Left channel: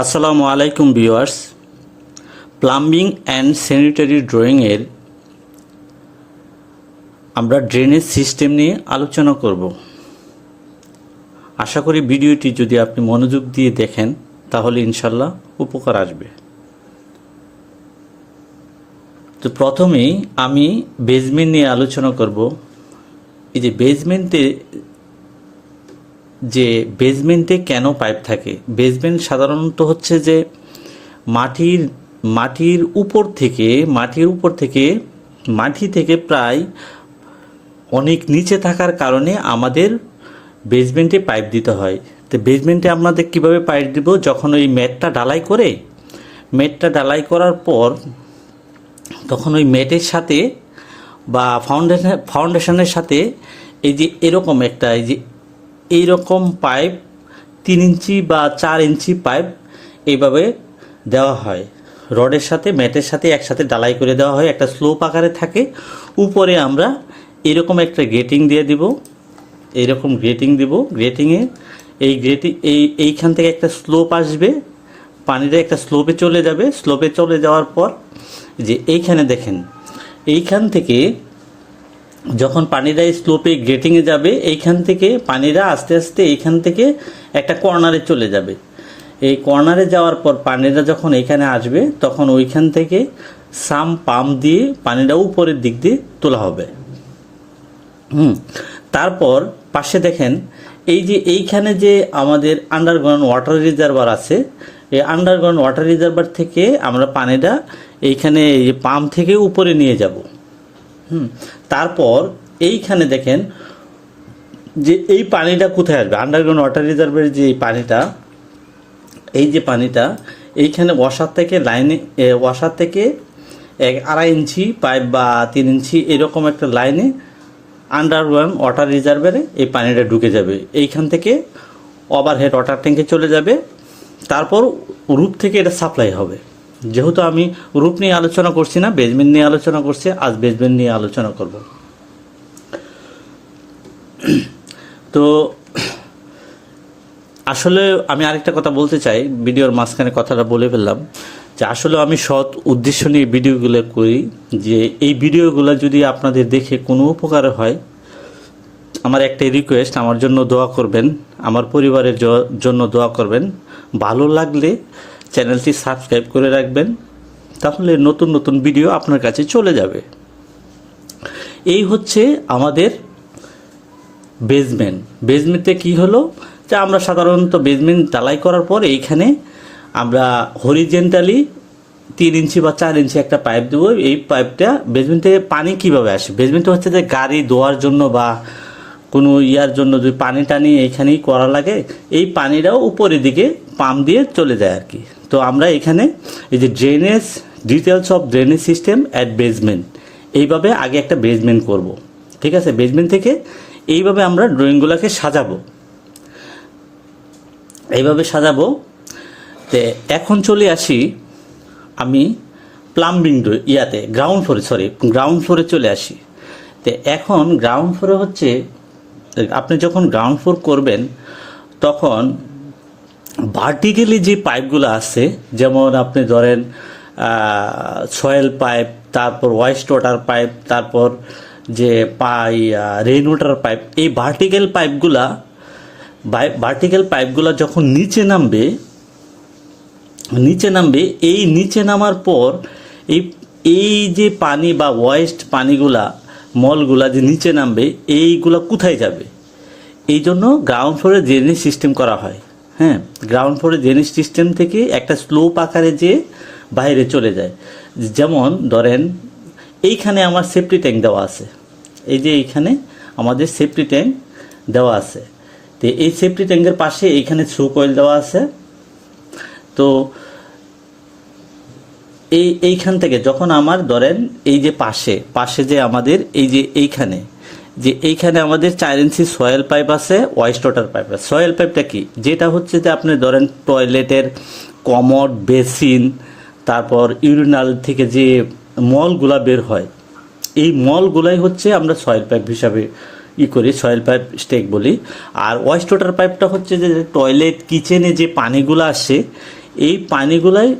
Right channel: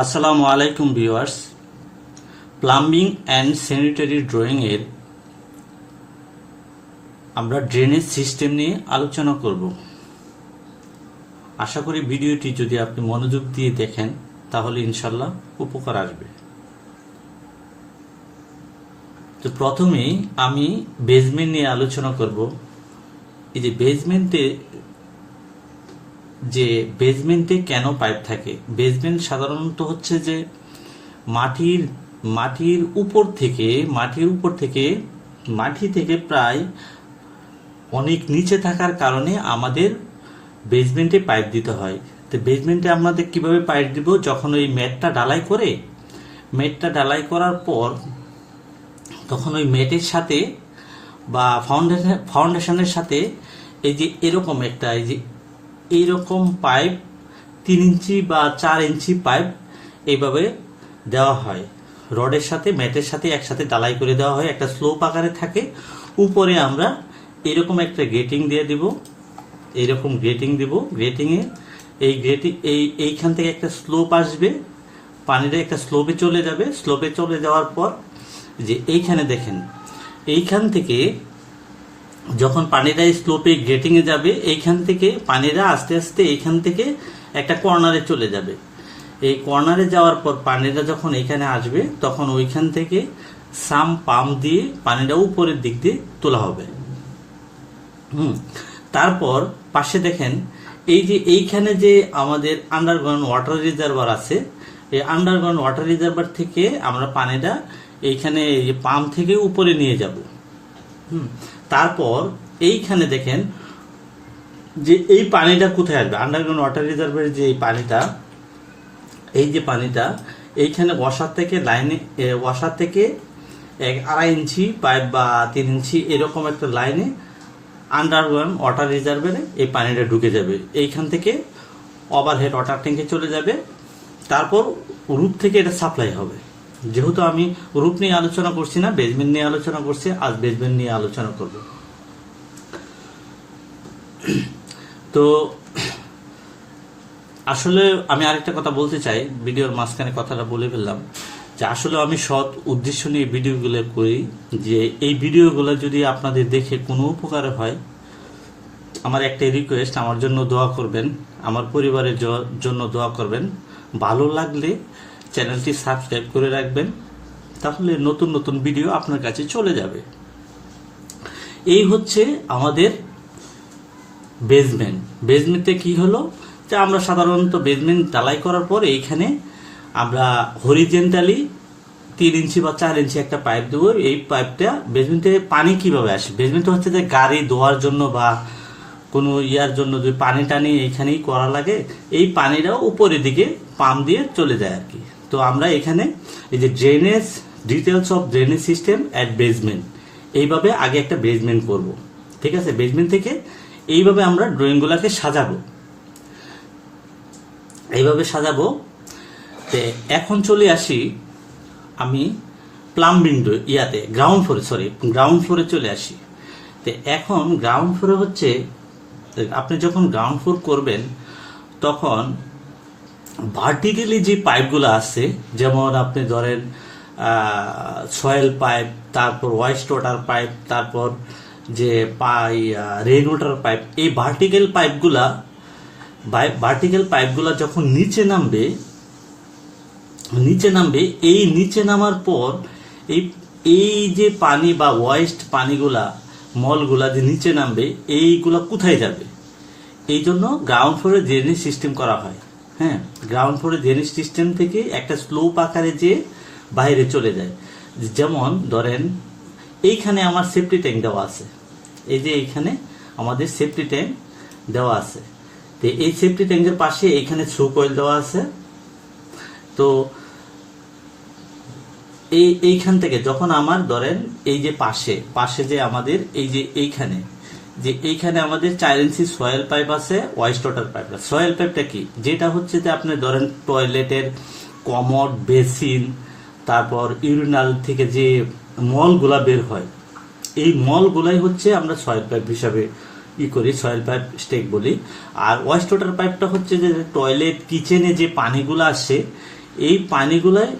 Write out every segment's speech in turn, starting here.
আসসালামু আলাইকুম viewers. Plumbing and sanitary ড্রয়িংয়ের আমরা ড্রেনেজ সিস্টেম নিয়ে আলোচনা করব। আশা করি ভিডিওটি যদি আপনি মনোযোগ দিয়ে দেখেন তাহলে ইনশাল্লাহ উপকার আসবে। তো প্রথমেই আমি বেসমেন্ট নিয়ে আলোচনা করব। এই যে বেসমেন্টে কেন পাইপ থাকে। বেসমেন্ট সাধারণত হচ্ছে যে মাটির উপর থেকে মাটি থেকে প্রায় অনেক নিচে থাকার কারণে আমাদের বেসমেন্টে পাইপ দিতে হয়। তো বেসমেন্টে আমাদের কিভাবে পাইপ দিব, যখন ওই ম্যাটটা ঢালাই করার পর তখন ওই ম্যাটের সাথে বা ফাউন্ডেশনের সাথে এই যে এইরকম পাইপ 3 ইঞ্চি বা 4 ইঞ্চি পাইপ এইভাবে দেওয়া হয়। রডের সাথে ম্যাটের সাথে একসাথে ঢালাই করে দেওয়া হয়, একটা স্লোপ আকারে থাকে। উপরে আমরা এরকম একটা গ্রেটিং দিয়ে দিব, গ্রেটিংয়ে এইখান থেকে একটা স্লোপ আসবে, পানিটা একটা স্লোপে চলে যাবে। স্লোপে চলে যাওয়ার পর যে এইখানে দেখেন, এইখান থেকে যখন পানিটা স্লোপে গ্রেটিংয়ে যাবে, এইখান থেকে পানিটা আস্তে আস্তে এইখান থেকে একটা কর্নারে চলে যাবে। এই কর্নারে যাওয়ার পর পানিটা যখন এখানে আসবে তখন ওইখান থেকে সাম পাম্প দিয়ে পানিটা উপরের দিক দিয়ে তোলা হবে। তারপর পাশে দেখেন এইখানে যে আমাদের আন্ডারগ্রাউন্ড ওয়াটার রিজার্ভার আছে, এই আন্ডারগ্রাউন্ড ওয়াটার রিজার্ভার থেকে আমরা পানিটা এইখানে এই পাম্প থেকে উপরে নিয়ে যাব। তারপর এইখানে দেখেন যে এই পানিটা কোথায় আসবে। আন্ডারগ্রাউন্ড ওয়াটার রিজার্ভের যে পানিটা এইখানে ওয়াশার থেকে 1.5 ইঞ্চি পাইপ বা 3 ইঞ্চি এরকম একটা লাইনে আন্ডারগ্রাউন্ড ওয়াটার রিজার্ভারে এই পানিটা ঢুকে যাবে। এইখান থেকে ওভারহেড ওয়াটার ট্যাঙ্কে চলে যাবে। তারপর রুট থেকে এটা সাপ্লাই হবে। যেহেতু আমি রুট নিয়ে আলোচনা করছি না, বেসমেন্ট নিয়ে আলোচনা করছি, আজ বেসমেন্ট নিয়ে আলোচনা করব। তো আসলে আমি আরেকটা কথা বলতে চাই, ভিডিওর মাঝখানে কথাটা বলে ফেললাম যে আসলে আমি সৎ উদ্দেশ্য নিয়ে ভিডিওগুলো করি, যে এই ভিডিওগুলো যদি আপনাদের দেখে কোনো উপকার হয়, আমার একটা রিকোয়েস্ট, আমার জন্য দোয়া করবেন, আমার পরিবারের জন্য দোয়া করবেন। ভালো লাগলে চ্যানেলটি সাবস্ক্রাইব করে রাখবেন, তাহলে নতুন নতুন ভিডিও আপনার কাছে চলে যাবে। এই হচ্ছে আমাদের বেসমেন্টে কি হলো, যে আমরা সাধারণত বেসমেন্ট ঢালাই করার পর এইখানে আমরা হরিজেন্টালি 3 ইঞ্চি বা 4 ইঞ্চি একটা পাইপ দেবো। এই পাইপটা বেসমেন্টে পানি কিভাবে আসে, বেসমেন্টে হচ্ছে যে গাড়ি ধোয়ার জন্য বা কোনো জন্য যদি পানি টানি এইখানেই করা লাগে, এই পানিটাও উপরের দিকে পাম্প দিয়ে চলে যায় আর কি। তো আমরা এখানে এই যে details of drainage system at basement, এইভাবে আগে একটা বেসমেন্ট করব, ঠিক আছে। বেসমেন্ট থেকে এইভাবে আমরা ড্রয়িংগুলোকে সাজাবো। তো এখন চলে আসি আমি প্লাম্বিং গ্রাউন্ড ফ্লোরে চলে আসি। তো এখন গ্রাউন্ড ফ্লোরে হচ্ছে, আপনি যখন গ্রাউন্ড ফ্লোর করবেন তখন ভার্টিক্যালি যে পাইপগুলো আছে, যেমন আপনি ধরেন সয়েল পাইপ, তারপর ওয়েস্ট ওয়াটার পাইপ, তারপর যে রেইন ওয়াটার পাইপ, এই ভার্টিক্যাল পাইপগুলা যখন নিচে নামবে, এই নিচে নামার পর এই যে পানি বা ওয়েস্ট পানিগুলা, মলগুলা যে নিচে নামবে, এইগুলা কোথায় যাবে? এই জন্য গ্রাউন্ড ফ্লোরে ড্রেনেজ সিস্টেম করা হয়। গ্রাউন্ড ফ্লোরে ড্রেনেজ সিস্টেম থেকে একটা স্লোপ আকারে যে বাইরে চলে যায়। যেমন ধরেন এইখানে আমার সেফটি ট্যাঙ্ক দেওয়া আছে, এই যে এইখানে আমাদের সেফটি ট্যাঙ্ক দেওয়া আছে। তো এই সেফটি ট্যাঙ্কের পাশে এইখানে থ্রু কয়েল দেওয়া আছে। তো এইখান থেকে যখন আমার ধরেন এই যে পাশে যে আমাদের এইখানে আমাদের 4 ইঞ্চি সয়েল পাইপ আছে, ওয়েস্ট ওয়াটার পাইপ আছে। সয়েল পাইপটা কি, যেটা হচ্ছে যে আপনি ধরেন টয়লেটের কমোড, বেসিন, তারপর ইউরিনাল থেকে যে মলগুলা বের হয়, এই মলগুলাই হচ্ছে আমরা সয়েল পাইপ হিসাবে করি, সয়েল পাইপ স্টেক বলি। আর ওয়েস্ট ওয়াটার পাইপটা হচ্ছে যে টয়লেট, কিচেনে যে পানিগুলো আসে, এই পানিগুলাই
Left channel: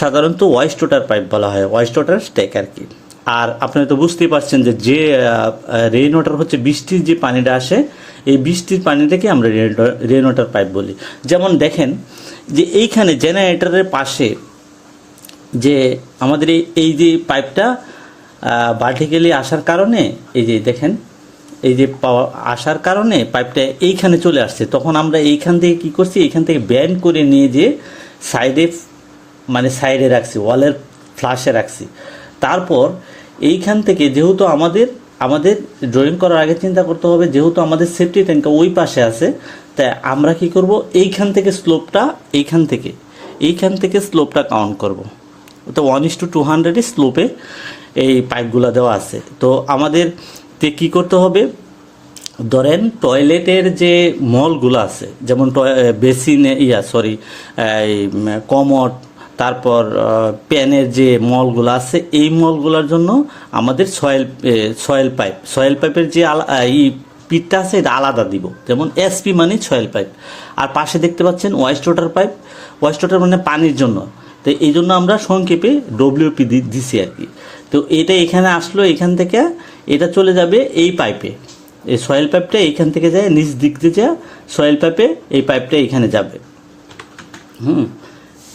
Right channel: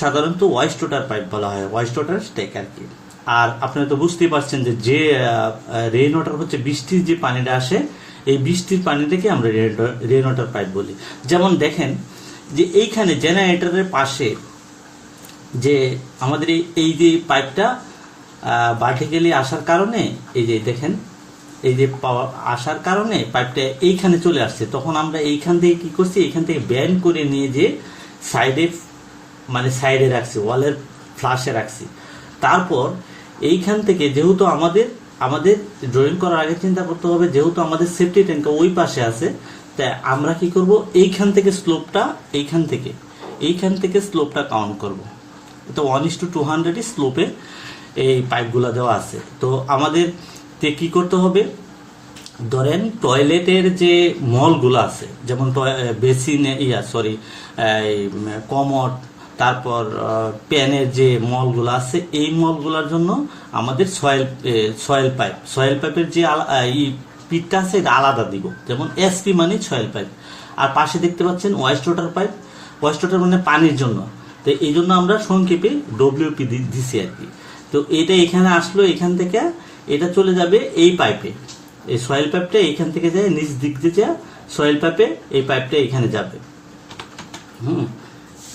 সাধারণত ওয়াইস্ট ওয়াটার পাইপ বলা হয়, ওয়াইস্ট ওয়াটার স্ট্যাক আর কি। আর আপনারা তো বুঝতেই পারছেন যে রেইন ওয়াটার হচ্ছে বৃষ্টির যে পানিটা আসে, এই বৃষ্টির পানিটাকে আমরা রেইন ওয়াটার পাইপ বলি। যেমন দেখেন যে এইখানে জেনারেটরের পাশে যে আমাদের এই যে পাইপটা ভার্টিক্যালি আসার কারণে, এই যে দেখেন এই যে আসার কারণে পাইপটা এইখানে চলে আসছে, তখন আমরা এইখান থেকে কি করছি, এইখান থেকে ব্যান্ড করে নিয়ে যে সাইডে রাখছি, ওয়ালের ফ্লাশে রাখছি। তারপর এইখান থেকে যেহেতু আমাদের ড্রয়িং করার আগে চিন্তা করতে হবে, যেহেতু আমাদের সেফটি ট্যাঙ্কটা ওই পাশে আছে, তাই আমরা কি করব, এইখান থেকে স্লোপটা কাউন্ট করব। তো 1:200 স্লোপে এই পাইপগুলো দেওয়া আছে। তো আমাদের কি করতে হবে, ধরেন টয়লেটের যে মলগুলো আছে, যেমন বেসিনে কমোড, তারপর প্যানের যে মলগুলো আছে, এই মলগুলোর জন্য আমাদের সয়েল পাইপের যে পিটটা আছে এটা আলাদা দিব। যেমন এসপি মানে সয়েল পাইপ, আর পাশে দেখতে পাচ্ছেন ওয়াইস্ট ওয়াটার মানে পানির জন্য। তো এই জন্য আমরা সংক্ষেপে ডব্লিউপি দিছি আর কি। তো এটা এখানে আসলো, এখান থেকে এটা চলে যাবে এই পাইপে, এই সয়েল পাইপটা এইখান থেকে যায় নিচ দিক দিয়ে যায় সয়েল পাইপে, এই পাইপটা এখানে যাবে,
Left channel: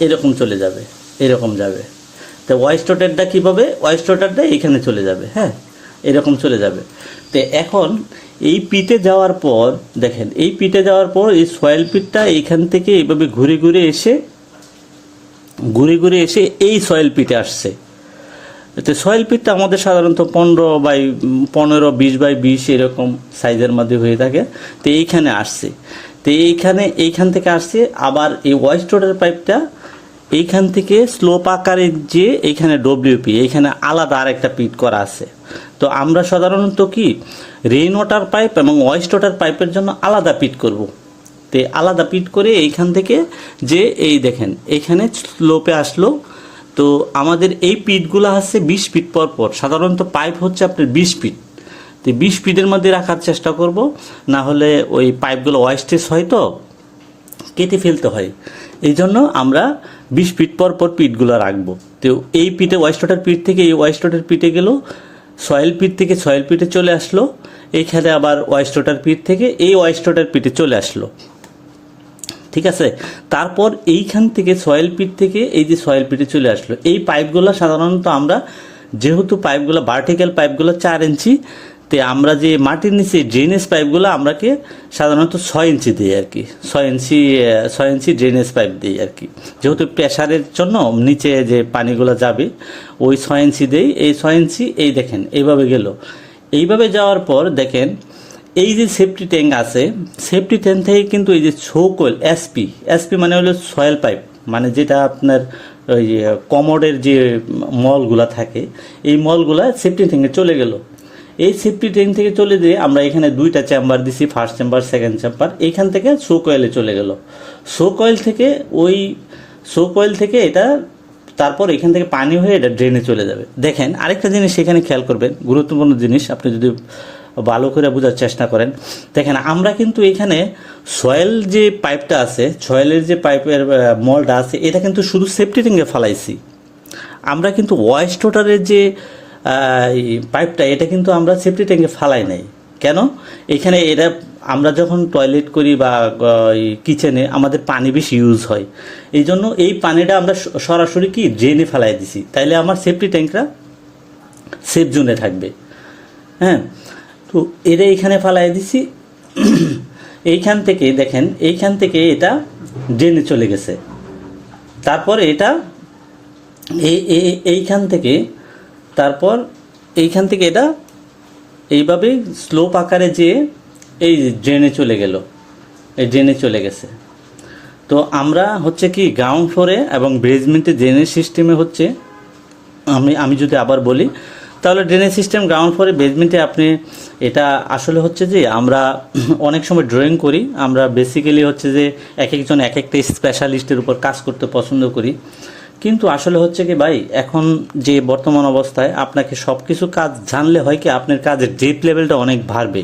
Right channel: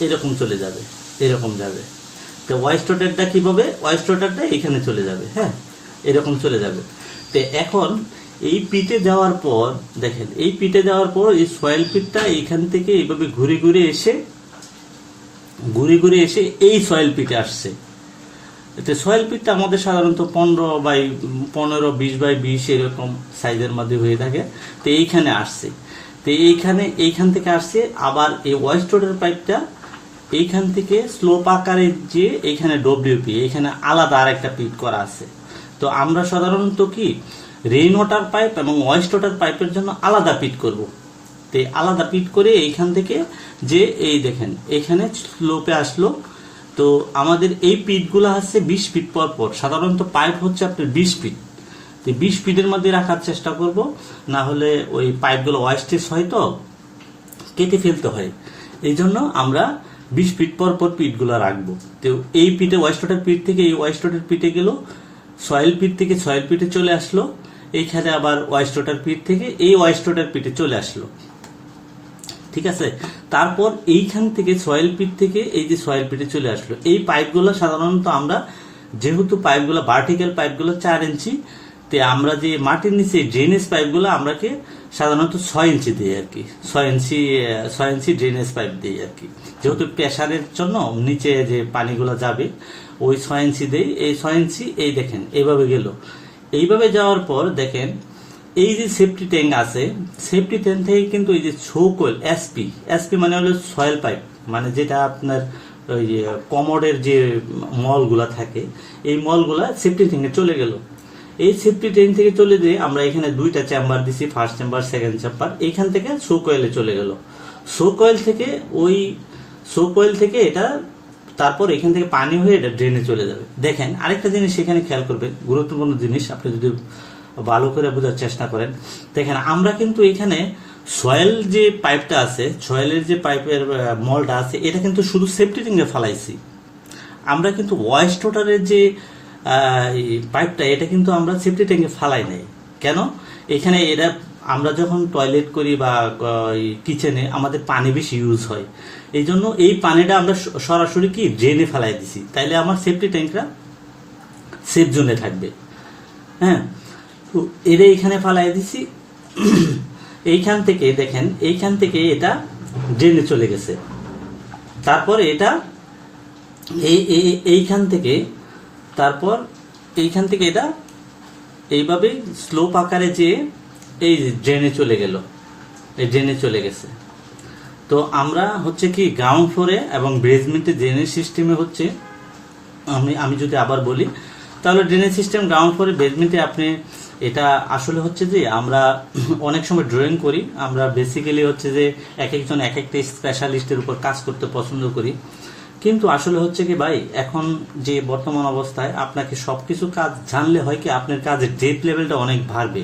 এরকম চলে যাবে, এরকম যাবে। তো ওয়াইস্ট ওয়াটারটা কীভাবে, ওয়াইস্ট ওয়াটারটা এখানে চলে যাবে, হ্যাঁ এরকম চলে যাবে। তো এখন এই পিটে যাওয়ার পর দেখেন, এই পিটে যাওয়ার পর এই সয়েল পিটটা এইখান থেকে এইভাবে ঘুরে ঘুরে এসে এই সয়েল পিটে আসছে। তো সয়েল পিটটা আমাদের সাধারণত 15 x 20 এরকম সাইজের মধ্যে হয়ে থাকে। তো এইখানে আসছে, তো এইখান থেকে আসছে। আবার এই ওয়াইস্ট ওয়াটার পাইপটা এইখান থেকে স্লোপ আকারে যে এইখানে ডব্লিউপি, এইখানে আলাদা আর একটা পিট করা আছে। তো আমরা সাধারণত কি রেইন ওয়াটার পাইপ এবং ওয়াইস্ট ওয়াটার পাইপের জন্য আলাদা পিট করব। তো আলাদা পিট করে এইখান থেকে যে এই দেখেন এইখানে স্লোপে আসলো। তো আমাদের এই পিটগুলো আছে 20 ফিট পর, সাধারণত পাইপ হচ্ছে আপনার 20 ফিট। তো 20 ফিটের মধ্যে রাখার চেষ্টা করব, না হলে ওই পাইপগুলো ওয়েস্টেজ হয়, তো কেটে ফেলতে হয়। এই জন্য আমরা 20 ফিট পর পিটগুলো রাখবো। তো এই পিটে ওয়াইস্ট ওয়াটার পিট থেকে এই ওয়াইস্ট ওয়াটার পিটে গেল, সয়েল পিট থেকে সয়েল পিটে চলে আসলো, এইখানে আবার ওয়াইস্ট ওয়াটার পিট থেকে এই ওয়াইস্ট ওয়াটার পিটে চলে আসলো, ঠিক আছে। তারপর এইখান থেকে সয়েল পিট থেকে এই যে সয়েল পিটে চলে আসলো। এই পাইপগুলো সাধারণত আমরা, যেহেতু পাইপগুলো ভার্টিক্যাল পাইপগুলো 4 ইঞ্চি, তো আমরা যে মাটির নিচে ড্রেনেজ পাইপগুলো আমরাকে সাধারণত 6 ইঞ্চি দিই আর কি, 6 ইঞ্চি ড্রেনেজ পাইপ দিই আর কি। যেহেতু প্রেশারের জন্য নিচে যে পানিগুলো যাবে ওই 6 ইঞ্চি দিই। এই 6 ইঞ্চি এই দেখেন এইভাবে গেল। এইভাবে যাওয়ার পর দেখেন এই যে সেফটি ট্যাঙ্ক আছে, সেফটি ট্যাঙ্ক থেকে কিন্তু এই যে কোয়েল এসপি মানে হলো সয়েল পাইপ, মানে যেটা আপনার ওই কমোডের যে মলগুলা থাকে, এই মলগুলা সেফটি ট্যাঙ্কে চলে গেল। এই সেফটি ট্যাঙ্ক থেকে চলে যেয়ে আমরা এখানে 2টা চেম্বার দিছি, ফার্স্ট চেম্বার সেকেন্ড চেম্বার। এইখান থেকে কোয়েলে চলে গেল। কোয়েল থেকে এটা তারপর এখান থেকে পানি হয়ে এটা ড্রেনে চলে যাবে। দেখেন আরেকটা জিনিস এখানে খেয়াল করবেন, গুরুত্বপূর্ণ জিনিস, আপনি যদি ভালো করে বোঝার চেষ্টা করেন। দেখেন আমরা কিন্তু এখানে সয়েল যে পাইপটা আছে, সয়েলের যে পাইপের মলটা আছে, এটা কিন্তু শুধু সেফটি ট্যাঙ্কে ফালাইছি। আমরা কিন্তু ওয়াইস্ট ওয়াটারের যে পাইপটা, এটা কিন্তু আমরা সেফটি ট্যাঙ্কে ফালাই নাই। কেন? এখানে এটা আমরা যখন টয়লেট করি বা কিচেনে আমাদের পানি বেশি ইউজ হয়, এই জন্য এই পানিটা আমরা সরাসরি কি ড্রেনে ফেলাই দিছি, তাইলে আমার সেফটি ট্যাঙ্কটা সেফ জোনে থাকবে। হ্যাঁ, তো এটা এখানে ফালাই দিছি। এইখান থেকে দেখেন, এইখান থেকে এটা ড্রেনে চলে গেছে। তারপর এটা এইখান থেকে এটা এইভাবে স্লোপ আকারে যে এই ড্রেনে চলে গেল, এই ড্রেনে চলে গেছে। তো আমরা হচ্ছে কি গ্রাউন্ড ফ্লোরে এবং বেসমেন্টে ড্রেনেজ সিস্টেমে হচ্ছে, আমি যদি আবার বলি তাহলে ড্রেনেজ সিস্টেম গ্রাউন্ড ফ্লোরে বেসমেন্টে আপনি, এটা আসলে হচ্ছে যে আমরা অনেক সময় ড্রয়িং করি, আমরা বেসিক্যালি হচ্ছে যে এক একজন এক একটা স্পেশালিস্টের উপর কাজ করতে পছন্দ করি। কিন্তু আসলে হচ্ছে কি ভাই, এখন যে বর্তমান অবস্থায় আপনাকে সব কিছু কাজ জানলে হয় কি আপনার কাজের ডেপথ লেভেলটা অনেক বাড়বে,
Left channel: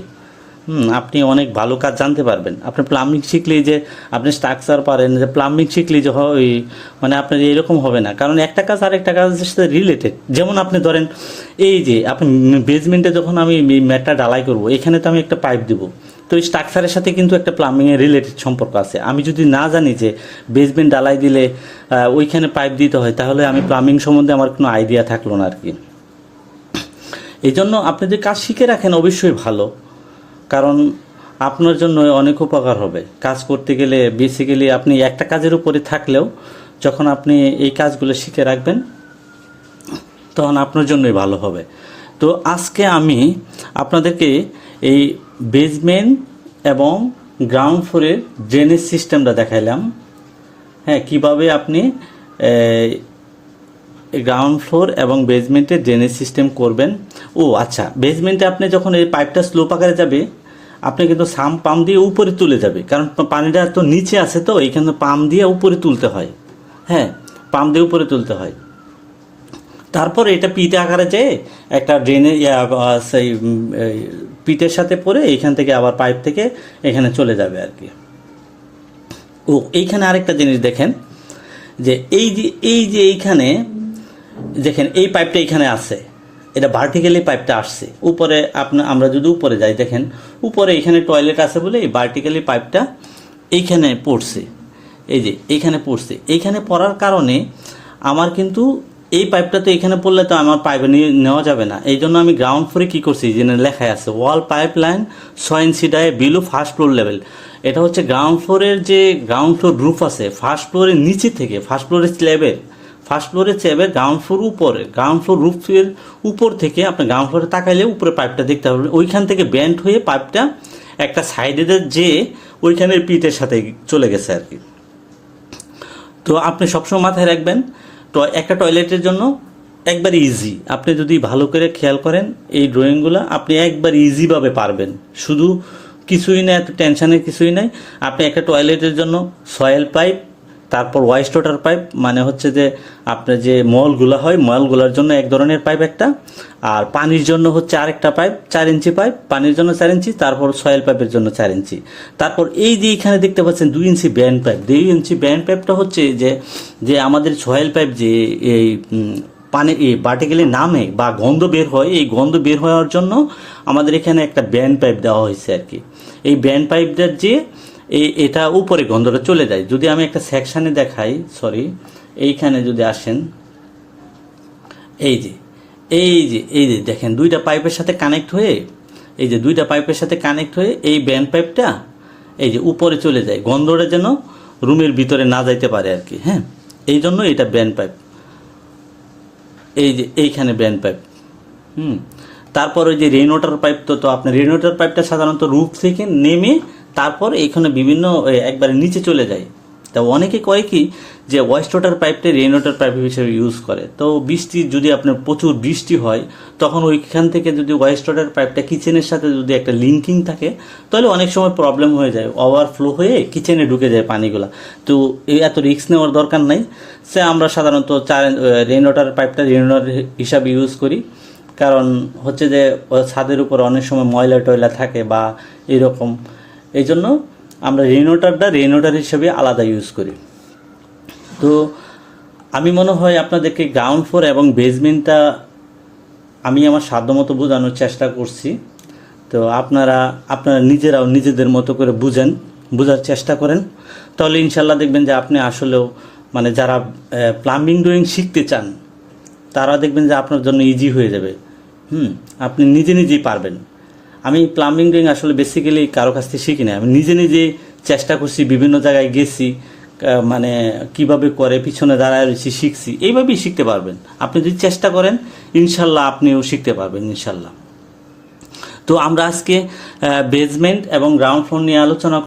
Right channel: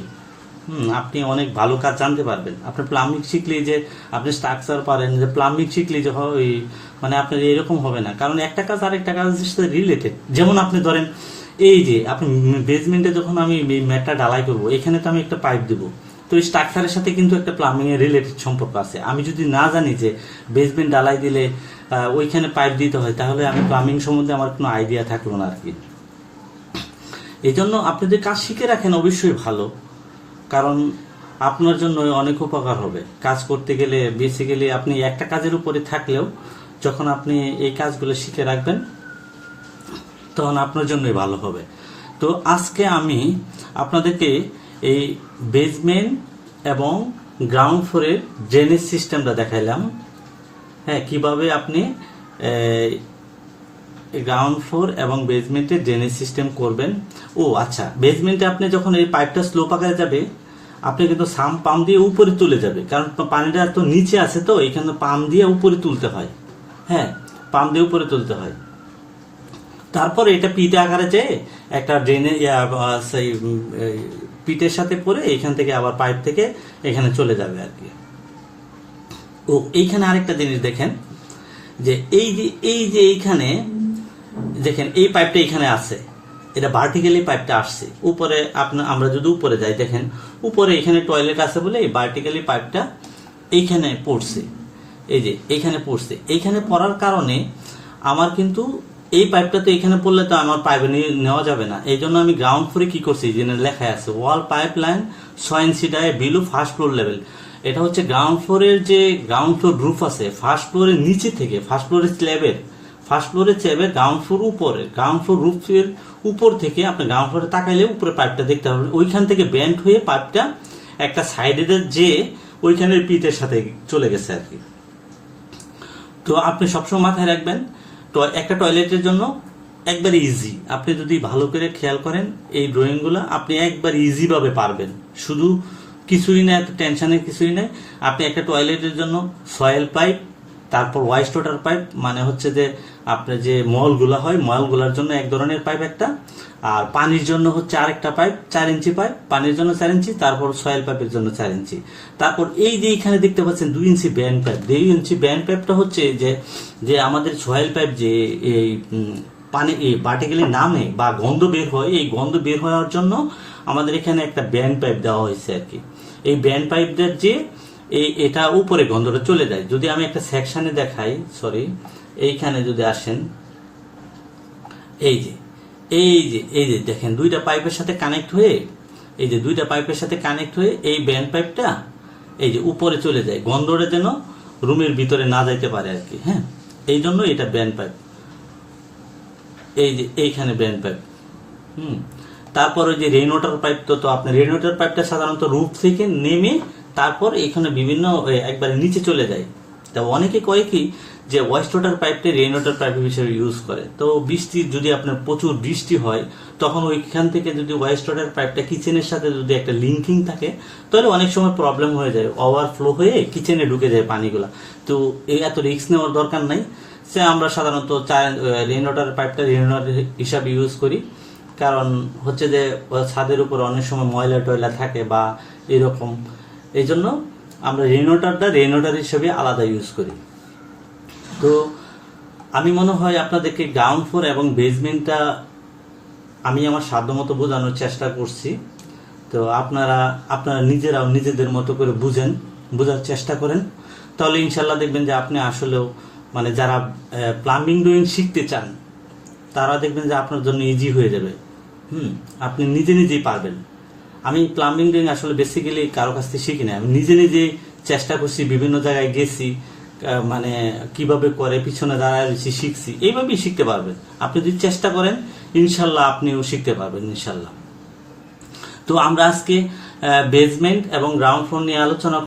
আপনি অনেক ভালো কাজ জানতে পারবেন। আপনি প্লাম্বিং শিখলেই যে আপনি স্ট্রাকচার পারেন, যে প্লাম্বিং শিখলেই যে হয় মানে আপনার এরকম হবে না, কারণ একটা কাজ আর একটা কাজের সাথে রিলেটেড। যেমন আপনি ধরেন এই যে আপনি বেসমেন্টে যখন আমি ম্যাটটা ঢালাই করব, এখানে তো আমি একটা পাইপ দেবো, তো এই স্ট্রাকচারের সাথে কিন্তু একটা প্লাম্বিংয়ের রিলেটেড সম্পর্ক আছে। আমি যদি না জানি যে বেসমেন্ট ঢালাই দিলে ওইখানে পাইপ দিতে হয়, তাহলে আমি প্লাম্বিং সম্বন্ধে আমার কোনো আইডিয়া থাকলো না আর কি। এই জন্য আপনি যদি কাজ শিখে রাখেন অবশ্যই ভালো, কারণ আপনার জন্য অনেক উপকার হবে। কাজ করতে গেলে বেসিক্যালি আপনি একটা কাজের উপরে থাকলেও যখন আপনি এই কাজগুলো শিখে রাখবেন তখন আপনার জন্যই ভালো হবে। তো আজকে আমি আপনাদেরকে এই বেসমেন্ট এবং গ্রাউন্ড ফ্লোরের ড্রেনেজ সিস্টেমটা দেখাইলাম। হ্যাঁ, কিভাবে আপনি গ্রাউন্ড ফ্লোর এবং বেসমেন্টে ড্রেনেজ সিস্টেম করবেন। ও আচ্ছা, বেসমেন্টে আপনি যখন এই পাইপটা স্লোপ আকারে যাবে, আপনি কিন্তু সাম পাম্প দিয়ে উপরে তুলে যাবে, কারণ পানিটা তো নিচে আছে, তো এইখানে পাম্প দিয়ে উপরে তুলতে হয়। হ্যাঁ, পাম্প দিয়ে উপরে তুলতে হয়। তারপর এটা পিঠে আকারে যেয়ে একটা ড্রেনে সেই পিঠের সাথে পরে এখান থেকে আবার পাইপ থেকে এখানে চলে যাবে আর কি। ও এইখানে আরেকটা জিনিস দেখেন, যে এই যে এইখানে দেখেন এই পাইপটা এখানে আছে, এটা ভার্টিক্যালি পাইপটা আসছে উপরে। আমরা যদি উপরে যাই, দেখেন উপরে এখানে টয়লেট আছে বলে এই ভার্টিক্যালি পাইপটা এইখানে পড়ছে। এই যে এইখানে পড়ছে, এইখানে পড়ার কারণে আমার কিন্তু এই পাইপটা তো এখানে পড়লে তো আমার পাইপে নেওয়া যাবে না। এই জন্য আমি গ্রাউন্ড ফ্লোরে কি করছি, যেন লেখায় আছে ওয়াল পাইপ লাইন 6 ইঞ্চি ডায়ে বিলো ফার্স্ট ফ্লোর লেভেল। এটা হচ্ছে গ্রাউন্ড ফ্লোরের যে গ্রাউন্ড ফ্লোর রুফ আছে, ফার্স্ট ফ্লোরের নিচে থেকে ফার্স্ট ফ্লোরের স্ল্যাবের গ্রাউন্ড ফ্লোর উপরে, গ্রাউন্ড ফ্লোর রুফের উপর থেকে আপনি গ্রাউন্ড ফ্লোরে তাকাইলে উপরে পাইপটা দেখতে পারবেন। ওইখান থেকে ব্যান্ড হয়ে পাইপটা একটা সাইডে যে ওইখানের পিঠের সাথে চলে গেছে আর কি। তো আপনি সবসময় মাথায় রাখবেন, তো একটা টয়লেটের জন্য একবার ইজি, আপনি যদি ভালো করে খেয়াল করেন এই ড্রয়িংগুলো, আপনি একবার ইজিভাবে পারবেন। শুধু কিছুই না, এত টেনশনের কিছুই নাই। আপনি একটা টয়লেটের জন্য সয়েল পাইপ, তারপর ওয়াইস্ট ওয়াটার পাইপ, মানে হচ্ছে যে আপনার যে মলগুলো হয় মলগুলোর জন্য এক ধরনের পাইপ একটা, আর পানির জন্য হচ্ছে আরেকটা পাইপ 4 ইঞ্চি পাইপ, পানির জন্য 4 ইঞ্চি, তারপর সয়েল পাইপের জন্য 4 ইঞ্চি। তারপর এই যে এখানে দেখতে পাচ্ছেন 2 ইঞ্চি ব্যান্ড পাইপ। 2 ইঞ্চি ব্যান্ড পাইপটা হচ্ছে যে আমাদের সয়েল পাইপ যে এই পানি ভার্টিক্যালি নামে বা গন্ধ বের হয়, এই গন্ধ বের হওয়ার জন্য আমাদের এখানে একটা ব্যান্ড পাইপ দেওয়া হয়েছে আর কি। এই ব্যান্ড পাইপটার যে এটা উপরে গন্ধটা চলে যায়। যদি আমি একটা সেকশনে দেখাই, সরি, এইখানে যদি আসেন, এই যে দেখেন দুইটা পাইপের সাথে কানেক্ট হয়ে, এই ব্যান্ড পাইপটা এই যে উপরে চলে যায়, গন্ধটা যেন রুমের ভিতরে না যাইতে পারে আর কি। হ্যাঁ, এই জন্য এটা ব্যান্ড পাইপ। এই যে এইখানে ব্যান্ড পাইপ। তারপর ওই যে রেইন ওয়াটার পাইপ, তো আপনার রেইন ওয়াটার পাইপটা সাধারণত রুফ থেকে নেমে তারপর এইখানে বিভিন্ন একবারে নিচে চলে যায়। তা অনেকে কয় কি যে ওয়েস্ট ওয়াটার পাইপটা রেইন ওয়াটার পাইপ হিসেবে ইউজ করে। তো বৃষ্টি যদি আপনার প্রচুর বৃষ্টি হয়, তখন ওইখান থেকে যদি ওয়েস্ট ওয়াটার পাইপটা কিচেনের সাথে যদি একটা লিঙ্কিং থাকে, তাহলে অনেক সময় প্রবলেম হয়ে যায়, ওভারফ্লো হয়ে কিচেনে ঢুকে যায় পানিগুলো। তো এই এত রিস্ক নেওয়ার দরকার নাই। সে আমরা সাধারণত রেইন ওয়াটার পাইপটা রেইন ওয়াটার হিসাবে ইউজ করি, কারণ হচ্ছে যে ছাদের উপর অনেক সময় ময়লা টয়লা থাকে বা এরকম, এই জন্য আমরা রেইন ওয়াটার হিসেবে আলাদা ইউজ করি। তো আমি মনে হয় আপনাদেরকে গ্রাউন্ড ফ্লোর এবং বেসমেন্টটা আমি আমার সাধ্যমতো বোঝানোর চেষ্টা করছি। তো আপনারা নিজেরাও নিজেদের মতো করে বোঝার চেষ্টা করেন, তাহলে ইনশাল্লাহ দেখবেন যে আপনি আসলেও মানে যারা প্লাম্বিং ড্রয়িং শিখতে চান তারা দেখবেন যে আপনার জন্য ইজি হয়ে যাবে। আপনি নিজেই পারবেন। আমি প্লাম্বিং ড্রয়িং আসলে বেসিক্যালি কারো কাছ থেকে শিখি না, আমি নিজে চেষ্টা করছি, বিভিন্ন জায়গায় গেছি, মানে কিভাবে করে পিছনে দাঁড়ায় রয়েছি, শিখছি। এইভাবেই শিখতে পারবেন আপনি যদি চেষ্টা করেন, ইনশাল্লাহ আপনিও শিখতে পারবেন ইনশাল্লাহ। তো আমরা আজকে বেসমেন্ট এবং গ্রাউন্ড ফ্লোর নিয়ে আলোচনা